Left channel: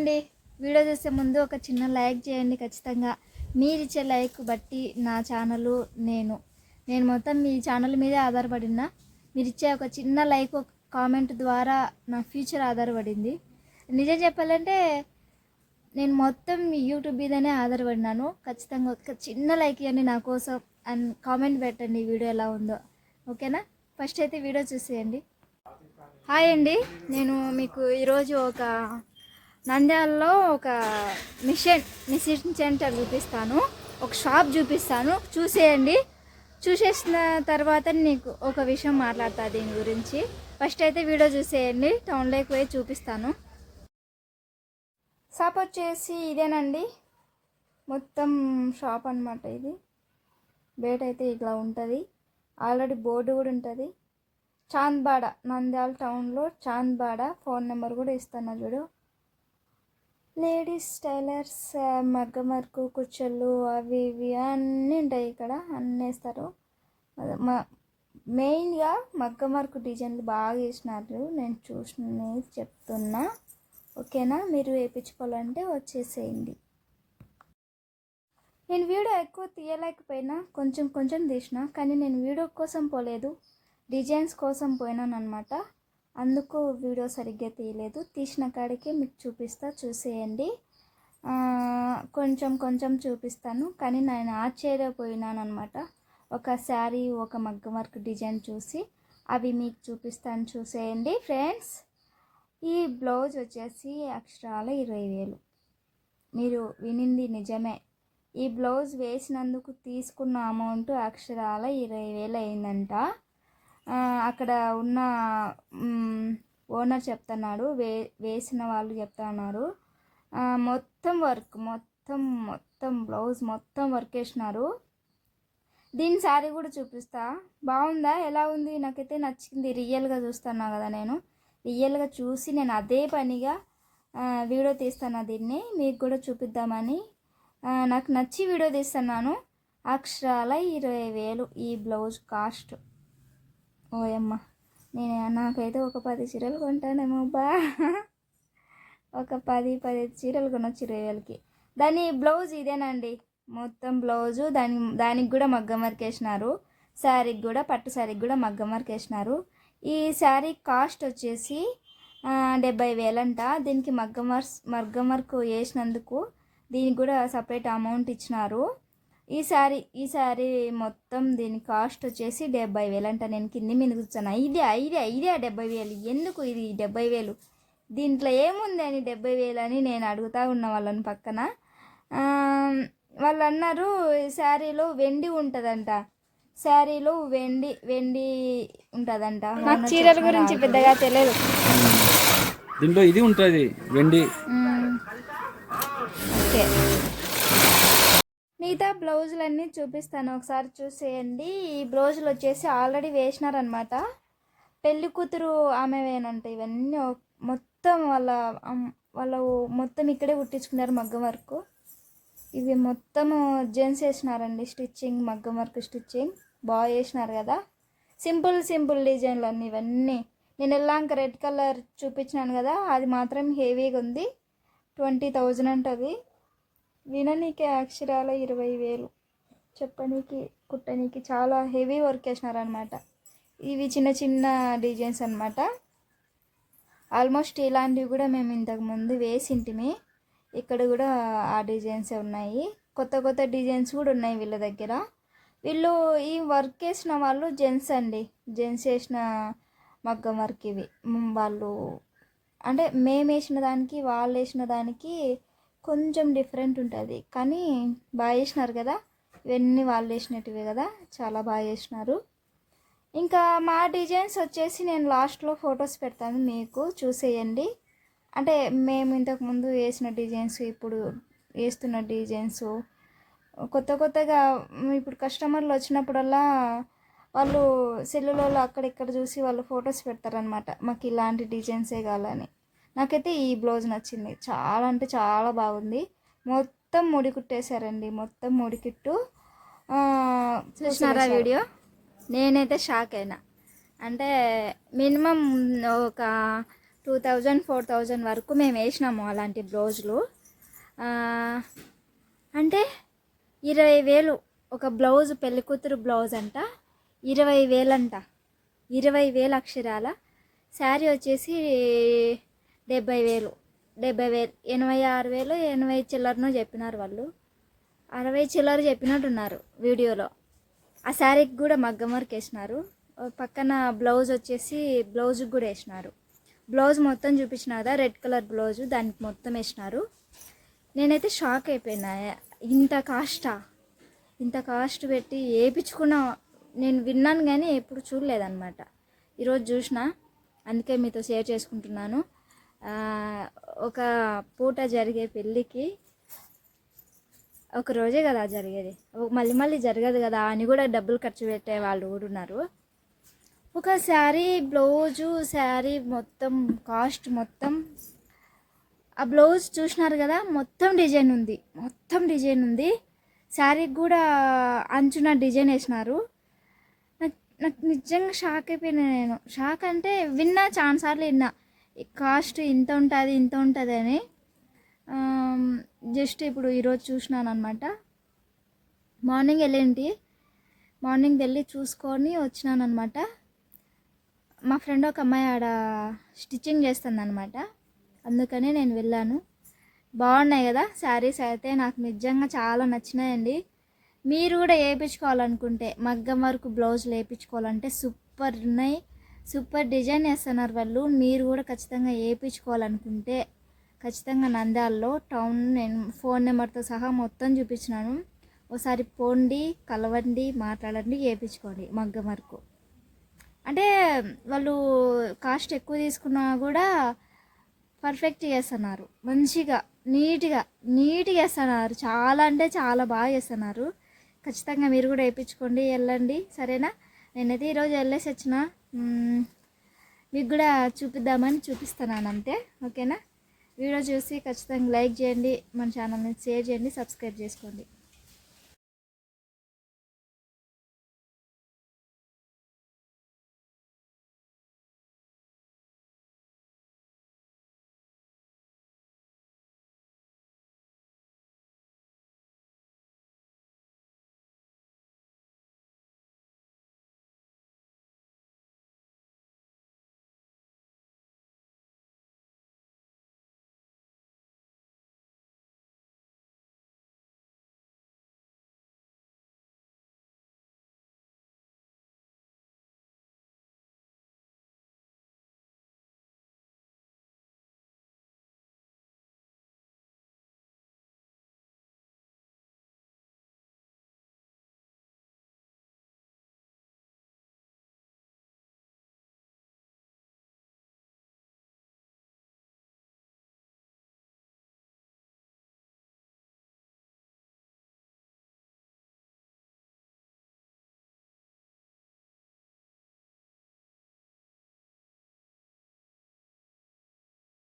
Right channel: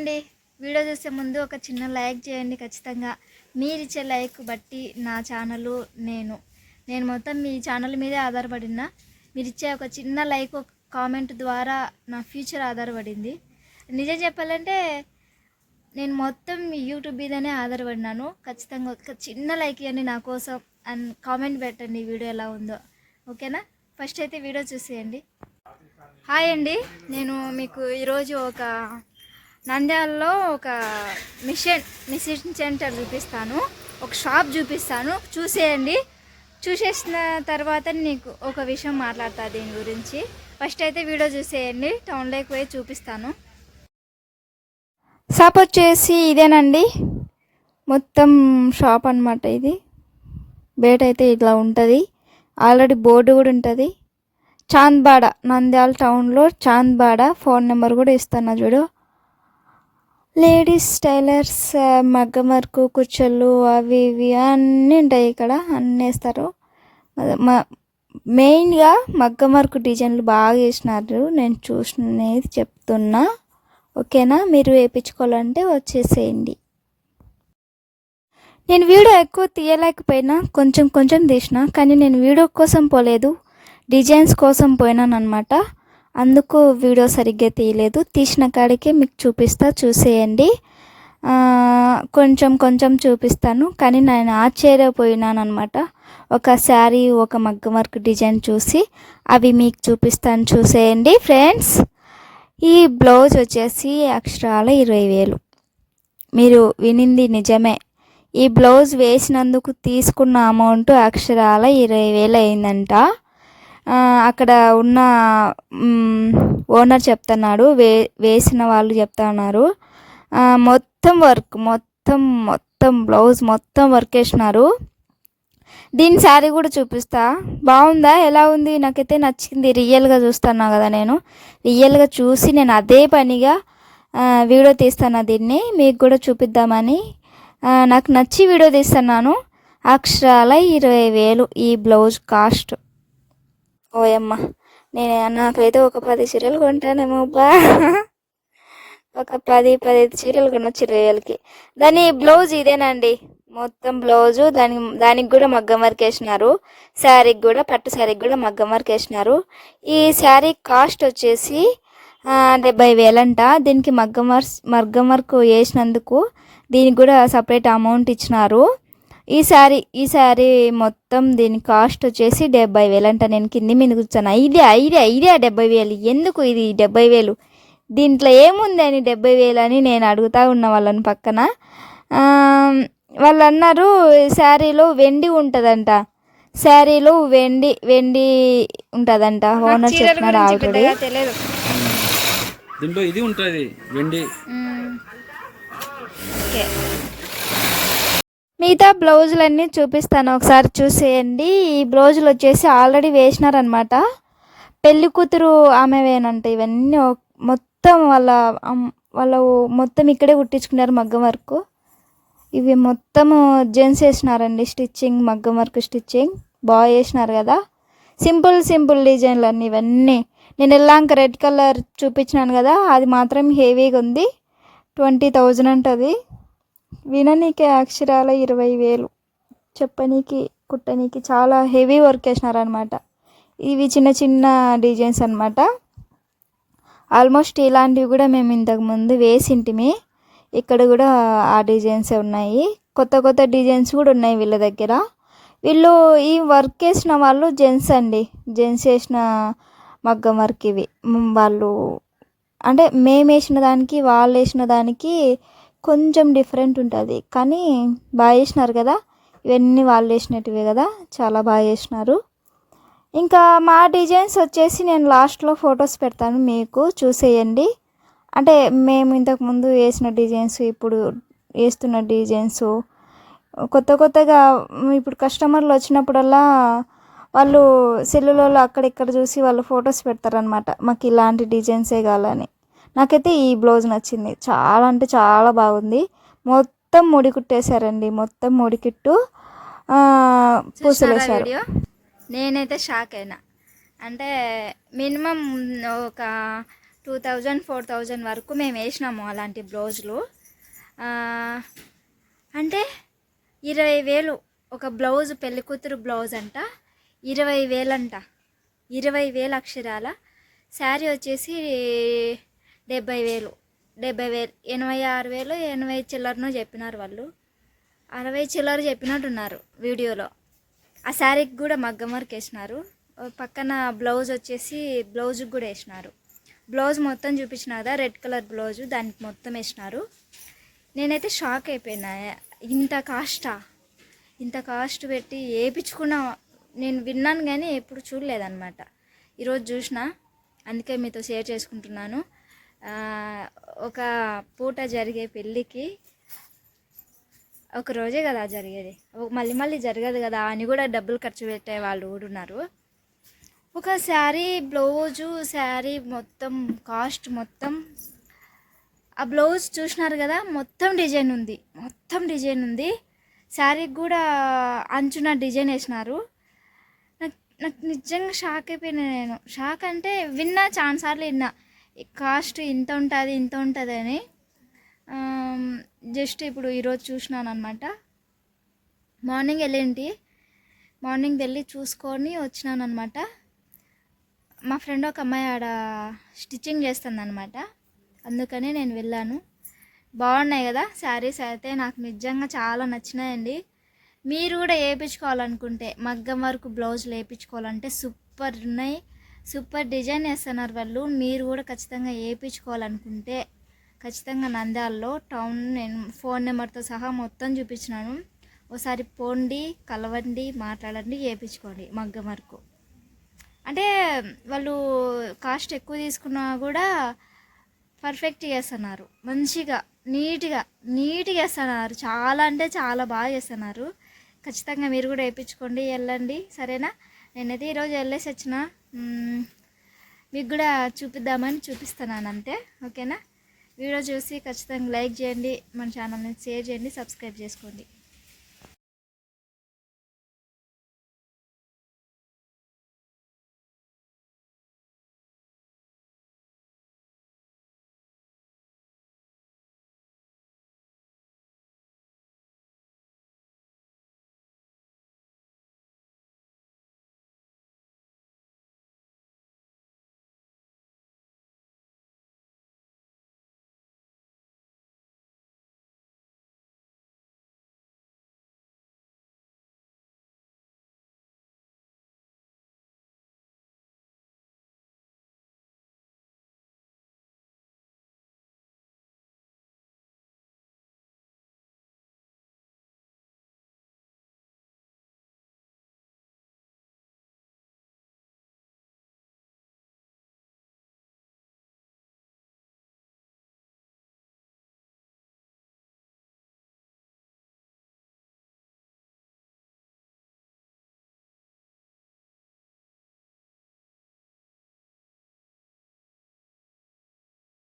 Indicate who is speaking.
Speaker 1: అండి వీడియో చూసే ముందు ఒక చిన్న లైక్ చేయండి ఖచ్చితంగా. మీరు ఇచ్చే లైక్ బట్టి నా ఛానల్ నేను. నేను మొత్తం మీ ఛానల్ మీదే ఆధారపడినా. మీరు ఇచ్చే ఒక చిన్న లైక్ ఒక కామెంట్ ద్వారా నా ఫ్యూచర్ ఆధారపడింది. నిజం చెప్పాలంటే నేను మొత్తం యూట్యూబ్ మీదనే ఆధారపడినాను. ఖచ్చితంగా ఒక చిన్న లైక్ ఇవ్వండి నా కోసం అండ్ కామెంట్ పెట్టండి వీడియో ఎలా ఉందో. ఓకేనా? ఫస్ట్ అయితే వీడియో చూసేయండి. హాయ్ అండి. నేను మీకు ఈరోజు ఒక నంద్యాలలో ఒక మిషన్ మిషన్ సెంటర్ చూపిస్తాను. ఒక షాప్ చూపిస్తాను. చూసేయండి. చూసేసిన తర్వాత నీకు ఒక విషయం మాట్లాడతా దీని గురించి. ఫస్ట్ అయితే వీడియో చూసేయండి. టౌన్లోకి పోయి చూపిస్తాను. షాప్ వచ్చేసి ఇదేనండి. మొత్తం షాప్ అన్నమాట ఇది. బయట అయితే ఇట్లా ఉంటుంది. ఆల్రెడీ బోర్డు కూడా ఉంటుంది. చాంద్బాడ నంద్యాల టౌన్లో చాంద్బాడ ఫోన్ నెంబర్ కూడా ఇస్తాను చూడు. లేడీస్ టైలర్స్ మగ్గం వర్క్ అవి ఇవి అన్నీ ఉంటాయి ఇక్కడ అన్నీ వేస్తారు. మ- మెయిన్గా మగ్గం వర్క్ డిజైన్లు బాగా వేసినారు నేను చూసినది చెప్తున్నా. ఓకేనా? మీరు వేయించుకోవాలంటే వచ్చేసేయండి. నేను వీడియో ఎక్కువ తీయలేకపోయినా కొంచెం కొంచెం తీసిన కానీ నేను వీడియో కోసం పోలేదు. డిజైన్స్ కోసం పోయినాను అనమాట అందుకు వీడియో సరిగ్గా తీయలేదు. తీసిన కాడికే మీకు చూపిస్తా చూసేయండి. కొంచెం కొంచెం చూపిస్తాను. కానీ నేను ఆశ్చర్యపోయినాను అనమాట ఒక శారీ ఒక మగ్గం వర్క్ డిజైన్ చూసి అవి మీకు చూపిస్తాను చూసేయండి ఫ్రెండ్స్. ఈ బ్లౌజ్ వచ్చేసి అక్షరాల ఇరవై వేలు. మీరు వినింది నిజమే. ఈ బ్లౌజ్ వేసినందుకు తీసుకున్న అమౌంట్ అక్షరాల ఇరవై వేలు అయిందంట. అక్కడ ఉన్న ఓనర్ చెప్తున్నాడు వే వేసిన వాళ్ళు చెప్తున్నారు. ఉన్నారు మొత్తం వర్క్ మొత్తం మొత్తం బ్లౌజ్ మొత్తం వర్క్ వేసినారు దీని శారీ కూడా చూపిస్తా. బాగుందా? ఎలా ఉంది? నాకైతే నచ్చింది. రియల్గా చూస్తున్నా కదా నేను. రియల్గా చూసి నేను అదే పనిగా వీడియో తీస్తాను దీన్ని. మీకు కూడా చూపిద్దామని. నాకు నచ్చి వీడియో తీస్తున్నాను. అక్షరాల ఇరవై వేలు ఈ బ్లౌజ్ కాస్ట్. ఓయమ్మ నేను నాకైతే ఒక పది చీరలు కొంటానేమో బా ఒక పది పదిహేను చీరలు కొనొచ్చు ఇరవై వేలకి. దాని బ్లౌజ్ ఇదేనండి. మొత్తం బ్లౌజు దాని దానికి కూడా మగ్గం వర్క్ వేసినారు. శారీకి కూడా పట్టు శారీకి కూడా మగ్గం వర్క్ వేసినారు. ఈ శారీ కాస్ట్ వచ్చేసి డెబ్బై వేలంట. దీనికి మగ్గం వర్క్ మగ్గం వర్క్ వేసినందుకు దీనికి కూడా సపరేట్ అమౌంట్ ఇచ్చినారు. ఈ శారీ ఈ శారీ మొత్తం దీని కాస్ట్ వచ్చేసి డెబ్బై వేలు అంట. నేను కింది మీద కూర్చున్నా ఇదే ఇదే ఇదే డెబ్బై వేలు. ఎందుకు ఇది డెబ్బై వేలు? దీంట్లో ఏముంది అని డెబ్బై వేలు అని నేను అడుగుతా ఉన్న వాళ్ళని పక్కన. ఆ, వాళ్ళు అన్నారు శారీలో వెండి ఉంటుందంట. శారీలో వెండి వెండి ఉంటుందంట.
Speaker 2: పెద్దగా తెలియదు.
Speaker 3: దీంట్లో ఇది ఉంటుంది వెండి.
Speaker 1: ఓకే. మిగతా బ్లౌజులన్నీ చూపిస్తాను. ఒకసారి చూసేయండి. ఈ బ్లౌజులు వచ్చేసి ఆల్రెడీ వేసినారనమాట పెళ్ళి కూతురు ఆమెవేనంట ఇవన్నీ మొత్తం వాళ్ళ వాళ్ళ మొత్తం ఇక్కడే కుట్టించుకున్నారు మగ్గం వర్క్. ఇవి మొత్తము జెంట్స్ వేసినారండి. స్టిచ్చింగ్ మగ్గం వర్క్ స్టిచ్చింగ్. బాగా వేసినారు కదా. సింపుల్ సింపుల్ డిజైన్లు అన్నీ ఇవన్నీ. నేను వెళ్ళాక రెడ్ కలర్ చూపించినాను కదా. అది మాత్రం హెవీగా ఉంది. ట్వంటీ థౌజండ్ అంటది. విననీకి అక్షరాల ఇరవై వేలు చెప్పనీకి కుట్టనీకి చాలా హెవీ వర్క్ వేసినారనమాట ఇవి చిన్న చిన్న డిజైన్స్ అనమాట ఆల్మోస్ట్ ఇలాంటివి కూడా మేము ఇంతకుముందు వేసింటిమి. ఇక్కడ కూడా ఆ డిజైన్సే ఉన్నాయి. కొత్త కొత్త డిజైన్స్ కూడా ఉన్నాయి వీళ్ళ దగ్గర. వీళ్ళు ఈ వర్క్ వేసిన వాళ్ళు జెంట్స్ అండి. జెంట్స్ వేసిన మగ్గం వర్క్ ఇవి. వాళ్ళు అంటే మేము వేసిన దానికి వాళ్ళు వేసిన దానికి కొంచెం డిఫరెంట్ ఉంటుంది. కానీ బాగా చేసినారు కదా? ఇవన్నీ వాళ్ళు వేసినట్టువే కదా? చాలా బాగా చేసినారు. ఇంకా మా డిజైన్స్ వచ్చేసి నేను లాస్ట్లో ఫొటోస్ పెడతాను మీకు. చూసేయండి. అంటే మేము ఇంతకుముందు వేసిన డిజైన్స్ ఇప్పుడు వేస్తున్న డిజైన్స్ కొత్త కొత్తగా ఇప్పుడు కస్టమర్లు వచ్చినప్పుడల్లా వాళ్ళు సెల్లులలో అక్కడిక్కడ చూసి వాళ్ళు ఫొటోస్ పెడతారనమాట మాకు ఇలాంటి డిజైన్సే కావాలని. నాకైతే ఈ బ్లౌజ్ నచ్చింది. చాలా అంటే చాలా బాగుంది. మొత్తం ముడి కుట్టేశారండి మొత్తం
Speaker 2: చూసినారా
Speaker 1: వేశారు.
Speaker 2: వీడియో? నేనైతే షాక్ అయినా. అంటే మినిమం ఒక
Speaker 1: టూ థౌజండ్ ఫోర్ థౌజండ్ వరకు మేము వేసినాము అలాంటి బ్లౌజులు. అంటే ఇరవై వేలు ఒక బ్లౌజ్ పెళ్ళి కూతురు బ్లౌజ్ అంట. ఇరవై వేలంట. ఇరవై వేలు అక్షరాల. శారీ వచ్చేసి డెబ్బై వేలు డెబ్బై వేలు ఎనభై ఆరు వేలు ఎనభై చిల్లరనో చెప్పినారు వాళ్ళు. అరవై చిల్లర చెప్పినట్టున్నారు వీడియోలో. ఆ శారీకి కూడా మగ్గం వర్క్ వేసినారు. పక్కన బ్లౌజ్ వచ్చేసి బ్లౌజ్కి కూడా వేసినారు. బ్లౌజ్ మొత్తం చూపించిన కదా రెడ్ కలర్ బ్లౌజ్ దానికి మొత్తం వేసినారు. నేనైతే షాక్ అయిపోయినా. ఇంత కాస్టా? ఇంత కాస్ట్ పెట్టి వేయించుకున్న నేను విన్నాను కానీ ఎప్పుడు చూడలేదన్నమాట. ఈరోజు చూసిన అందుకే మీతో షేర్ చేసుకుంటున్నాను. ఒక పూట జరిగే పెళ్ళికి ఒక రోజే కదా జరిగేది. మళ్ళీ మళ్ళీ జరగదు కదా అని కూడా డబ్బులు ఖర్చు పెట్టే వాళ్ళు కూడా ఉన్నారు. ఒక శారీ బ్లౌజు శారీ మొత్తం కాస్ట్ మొత్తం ఆ బ్లౌజ్ చూసినారు కదా మొత్తం డిజైన్ ఉంది. మొత్తం డిజైన్ ఉంది. శారీకి కూడా అంచున డిజైన్ వేసినారు. నాకు నాకు నిజంగా షాక్ అయిపోయినా నేను. షాక్ అంటే విన్నా చాలాసార్లు విన్నా. కాస్ట్ ఇంత ఉంటుంది ఇంత ఉంటుంది అని జస్ట్ ఇప్పుడు ఈరోజు చూసినాను అనమాట మార్నింగ్ వెళ్ళేంటి? మార్నింగ్ వెళ్ళి చూసుకొని వచ్చినాను అనమాట మా ఫ్రెండ్ ఒక అమ్మాయి ఆడ స్టిచ్చింగ్ చేస్తుంది అనమాట అందుకని నేను వెళ్ళాను. బాగున్నాయి కదా శారీస్ అయితే నాకు నిజంగా చాలా నచ్చినాయండి. మీరు కూడా వేయించుకోవాలనుకుంటే మగ్గం వరకు బ్లౌజులు వేయించుకోవాలంటే సూపర్ ఉన్నాయి. సూపర్ డిజైన్ వేస్తున్నారు వాళ్ళు. మీరు కూడా ఖచ్చితంగా వేయించుకోవాలనుకుంటే ఖచ్చితంగా నంద్యాలలో టౌన్ నేను ఫోన్ నెంబర్తో సహా మొత్తం చూపించినాను. ఒకసారి పోండి కలవండి మాట్లాడండి వేయించుకోండి మగ్గం వరకు అంటే వాళ్ళు కాస్ట్ ఎక్కువ తీసుకున్నా కూడా పర్ఫెక్ట్ చేస్తున్నారు. మంచిగా నీట్గా నీట్గా వేస్తున్నారు చాలా అంటే చాలా బాగా చేస్తున్నారు. ఖచ్చితంగా మీరు కూడా వేయించుకోండి వెళ్ళండి. సరేనా? నేనైతే ఈరోజు వెళ్ళేసి వచ్చిన. మీకు కూడా చూపిద్దామని చూపిస్తున్నాను అంతే ఓకేనా? వీడియో చూసి ఖచ్చితంగా లైక్ చేయండి మన ఛానల్ని షేర్ చేయండి సబ్స్క్రైబ్ చేసుకోండి.